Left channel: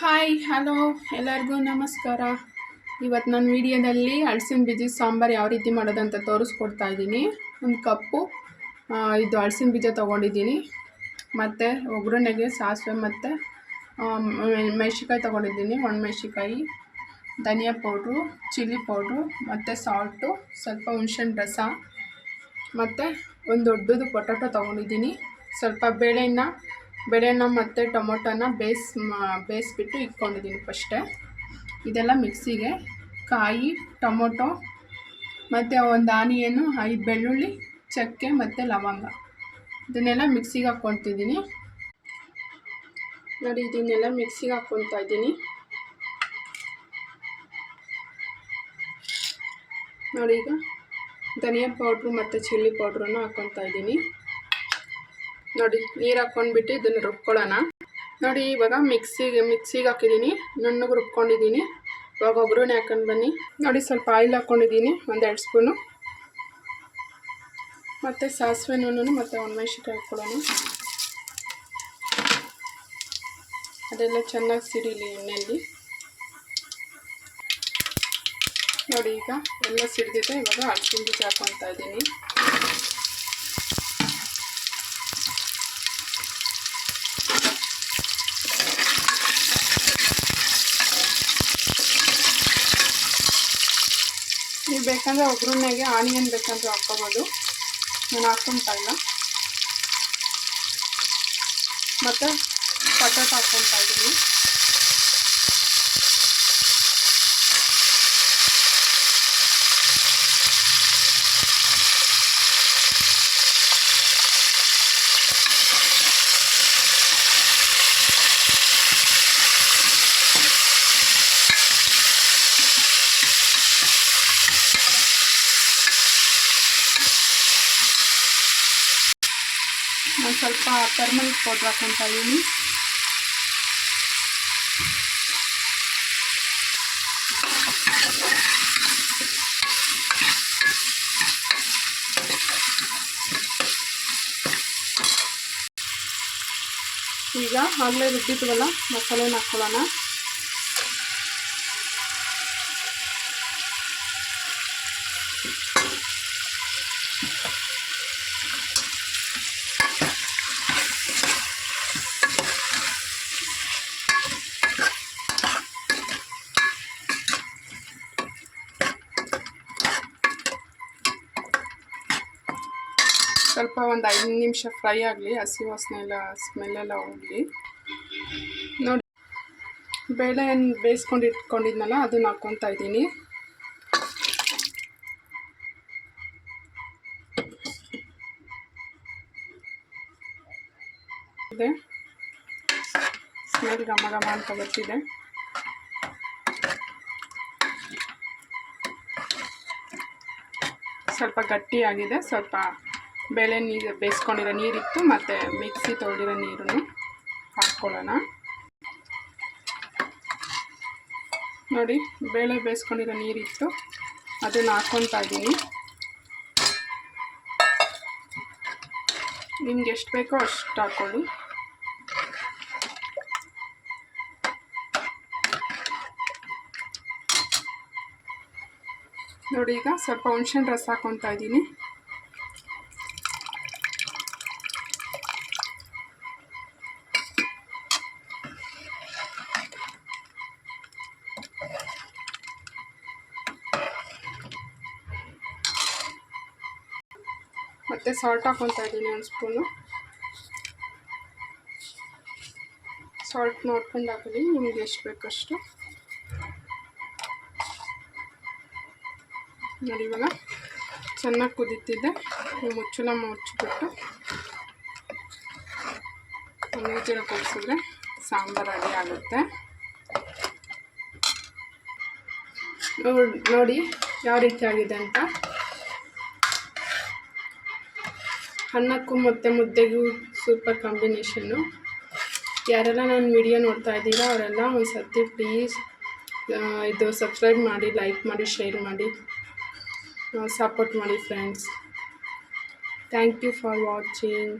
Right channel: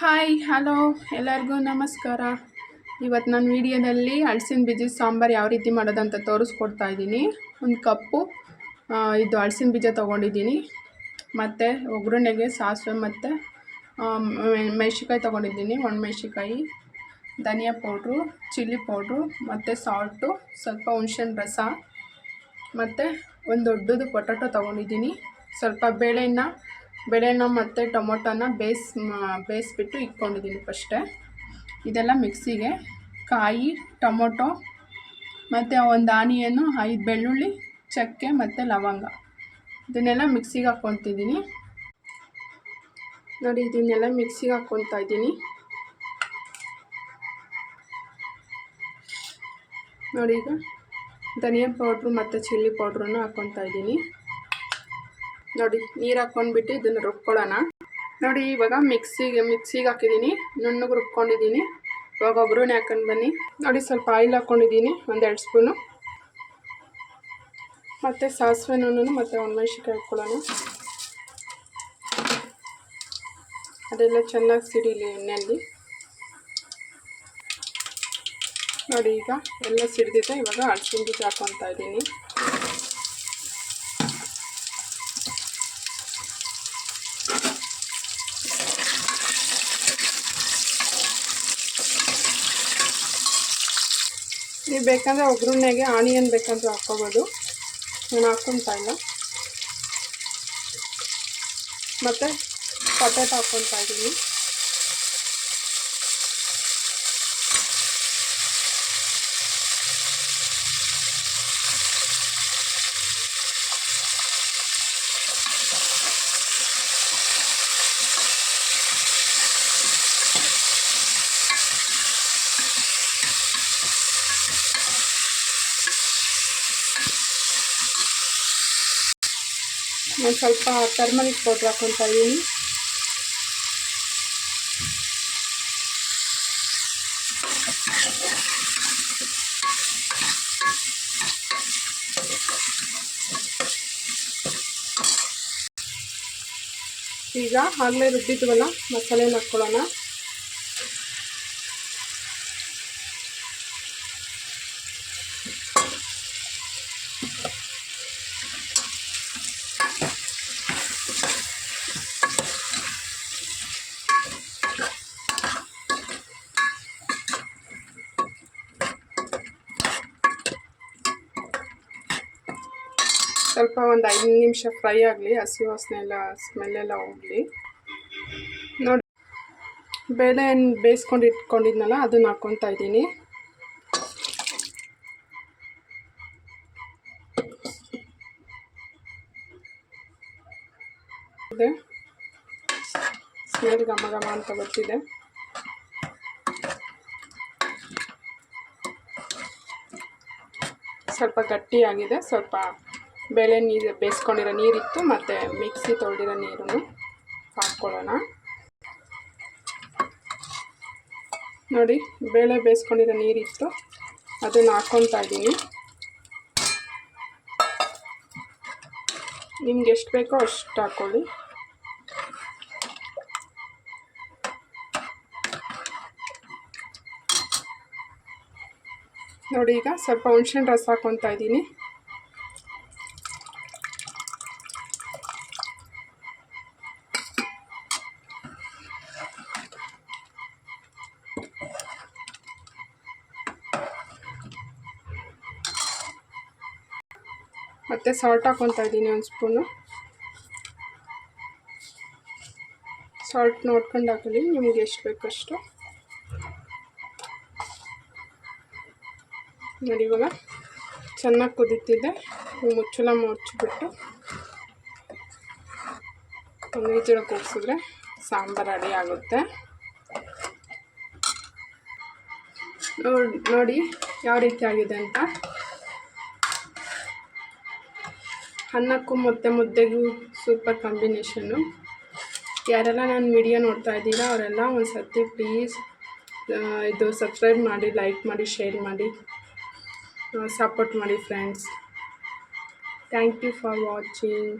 Hi hello ಎಲ್ಲರಿಗೂ ನಮಸ್ಕಾರ. ಇವತ್ತು ನಾನು ವಿಡಿಯೋದಲ್ಲಿ ಹಳಸಿನ ಬೀಜ ಸಾಂಬಾರು ಯಾವ ರೀತಿ ಮಾಡೋದಂತ ತೋರಿಸ್ಕೊಡ್ತಾ ಇದ್ದೀನಿ. ಒಂದು ಕಪ್ಪು ಇದು ಹಳಸಿನ ಬೀಜ ತೊಗೊಂಡಿದ್ದೀನಿ. ಮತ್ತು ಒಗ್ಗರಣೆಗೆ ಸಾಸಿವೆ ಮತ್ತು ಮೆಣಸಿಕಾಯಿ ತೊಗೊಂಡಿದ್ದೀನಿ. ಒಣಮೆಣ್ಸಿಕಾಯಿ ಧನಿಯಾ ಪೌಡ್ರು, ಚಿಲ್ಲಿ ಪೌಡ್ರು, ಮತ್ತು ಸಾಲ್ಟು, ಸ್ವಲ್ಪ ಹುಣ್ಸೆ ರಸ, ಮತ್ತು ಒಂದು ದೊಡ್ಡದು ಪೊಟ್ಯಾಟೊ ತೊಗೊಂಡಿದ್ದೀನಿ. ಸ್ವಲ್ಪ ಬೇಳೆನ ಬೇಳೆನ ಮತ್ತು ಟೊಮೊಟೊನ ಬೇಯಿಸ್ ಬೇಯಿಸ್ಬಿಟ್ಟು ಇಟ್ಕೊಂಡಿದ್ದೀನಿ ಫಸ್ಟೇ. ಇದೆಲ್ಲ ಮಿಕ್ಸಿಗೆ ಕಾಯಿ, ಟೊಮೊಟೊ, ಮತ್ತು ಒಂದು ಆನಿಯನ್ನು ಐದು ಬೆಳ್ಳುಳ್ಳಿ, ಚಕ್ಕೆ ಮತ್ತು ಲವಂಗ. ಇದನ್ನೆಲ್ಲ ಮಿಕ್ಸಿಗೆ ಹಾಕ್ಕೊತಿದ್ದೀನಿ. ನೋಡಿ, ಇದನ್ನೆಲ್ಲ ಮಿಕ್ಸಿಗೆ ಹಾಕ್ಕೊತಾ ಇದ್ದೀನಿ. ನೋಡಿ ಈಗ ಧನಿಯಾ ಪೌಡ್ರು ಮತ್ತು ಚಿಲ್ಲಿ ಪೌಡ್ರನ್ನು ಹಾಕ್ಕೊತಾ ಇದ್ದೀನಿ. ನೋಡಿ, ನೀರು ಹಾಕ್ಕೊಂಡ್ಬಿಟ್ಟು ಇದನ್ನು ರುಬ್ಕೊಳ್ಳೋಣ. ನೋಡಿ, ಇವಾಗ ಮಿಕ್ಸಿಗೆ ಮಿಕ್ಸಿಗೆ ಹಾಕಿದ್ದೀನಿ. ನುಣ್ಣಗೆ ರುಬ್ಕೊಂಡಿದ್ದೀನಿ. ಇವಾಗ ಒಗ್ಗರಣೆ ಹಾಕೊಂಡು ಬನ್ನಿ. ನೋಡಿ, ಸ್ವಲ್ಪ ಆಯಿಲ್ ಹಾಕ್ಕೊಂಡಿದ್ದೀನಿ ಒಂದೆರಡು ಸ್ಪೂನು. ಮತ್ತು ಸಾಸಿವೆ ನೂನು ಮತ್ತು ಒಣಮೆಣ್ಸಿಕಾಯಿ ಹಾಕ್ಕೊಳ್ಳೋಣ. ಅದೆಲ್ಲ ಚೆನ್ನಾಗಿ ಸಿಡಿಲಿ ಎಣ್ಣೆಯಲ್ಲಿ. ನೋಡಿ, ಈಗ ಎಲ್ಲ ಸಿಡಿದಿದೆ. ಇವಾಗ ಹಲಸಿನ ಬೀಜ ಹಾಕ್ಕೊತಾ ಇದ್ದೀನಿ ನೀವು ಬೇಕಂದರೆ ಒಗ್ಗರಣೆಗೆ ಆನಿಯನ್ ಬೇಕಂದರೆ ಹಾಕ್ಕೋಬೋದು. ನಾನು ಹಾಕ್ಕೊತಾ ಇಲ್ಲ. ಮತ್ತು ಪಟಾಟ ಹಾಕ್ಕೊತಾ ಇದ್ದೀನಿ. ನಾನು ಸ್ವಲ್ಪ ಟರ್ಮರಿಕ್ ಪೌಡ್ರ್ ಹಾಕ್ಕೊತಾ ಇದ್ದೀನಿ ಈಗ ಆಗಲೇ ರುಬ್ಬಿದ್ವಲ್ಲ ಮಸಾಲೆನ ಹಾಕ್ಕೊಳ್ಳೋಣ ಸ್ವಲ್ಪ ಒಂದು ಐದು ನಿಮಿಷ ಫ್ರೈ ಆಗಲಿ, ಹಸಿ ವಾಸನೆ ಎಲ್ಲ ಸ್ಮೆಲ್ಲೆಲ್ಲ ಹೋಗಲಿ. ನೋಡಿ, ಬೇಳೆ ಏನು ಬೇಯಿಸ್ಕೊಂಡು ಇಟ್ಕೊಂಡಿದ್ನಲ್ಲ, ಅದನ್ನ ಹಾಕ್ಕೊತಾ ಇದ್ದೀನಿ. ಇದೆ. ಸ್ಮೆಲ್ ಘಮ ಘಮ ಅಂತ ಬರ್ತಿದೆ. ಸ್ವಲ್ಪ ಗಟ್ಟಿಯಾಗಿದೆ, ಸ್ವಲ್ಪ ಬೇಳೆ ನೀರು ಬೇಯಿಸ್ಕೊಂಡಿರೋ ನೀರಿತ್ತು, ಮತ್ತು ಮಿಕ್ಸಿ ತೊಳೆದಿರೋ ನೀರನ್ನು ಹಾಕ್ಕೊಳ್ಳೋಣ. ನೋಡಿ, ಬೇಳೆ ಬೇಯಿಸ್ಕೊಂಡಿರೋ ನೀರಿತ್ತು, ಅದನ್ನು ಹಾಕ್ಕೊತಾ ಇದ್ದೀನಿ. ನಿಮ್ಗೆ ಎಷ್ಟು ಬೇಕೋ ಅಷ್ಟು ಹಾಕ್ಕೊಳ್ಳಿ. ನೋಡಿ, ಈಗ ಸ್ವಲ್ಪ ಹುಣ್ಸೆಣ್ಣು ರಸ ಹಾಕ್ಕೊತಾ ಇದ್ದೀನಿ. ಮತ್ತು ಸಾಲ್ಟ್ ಹಾಕ್ಕೊತಾ ಇದ್ದೀನಿ ಒಂದು ಸ್ಪೂನು ಸಾಲ್ಟ್ ನೋಡ್ಕೊಂಡು ಹಾಕೊಳ್ಳಿ, ನಿಮಗೆ ಎಷ್ಟು ಬೇಕಷ್ಟು. ನೋಡಿ ಇವಾಗ ಚೆನ್ನಾಗಿ ಕುದೀತಿದೆ ಮುಚ್ಚಲ ಮುಚ್ಚಿಬಿಟ್ಟು ಒಂದು ವಿಜಿಲ್ ಕೂಗಿಸಿದ್ರೆ ಸಾಂಬಾರು ರೆಡಿ ಆಗುತ್ತೆ. ನೋಡಿ ಯಾವ ರೀತಿ ಆಗಿದೆ ಅಂತ. ಅನ್ನಕ್ಕೂ ಮತ್ತು ಮುದ್ದೆಗೂ ಸೂಪರ್ ಕಾಂಬಿನೇಷನ್ನು ಯಾರೆಲ್ಲ ನಾನು ವಿಡಿಯೋ ನೋಡ್ತಾ ಇದ್ದೀರಾ, ಅವರೆಲ್ಲ ಒಂದು ಸರ್ತಿ ಪ್ಲೀಸ್ ಇದು ಸಬ್ಸ್ಕ್ರೈಬ್ ಮಾಡಿ ಲೈಕ್ ಮಾಡಿ ಶೇರ್ ಮಾಡಿ. ಸಪೋರ್ಟ್ ಮಾಡಿ friends thank you for watching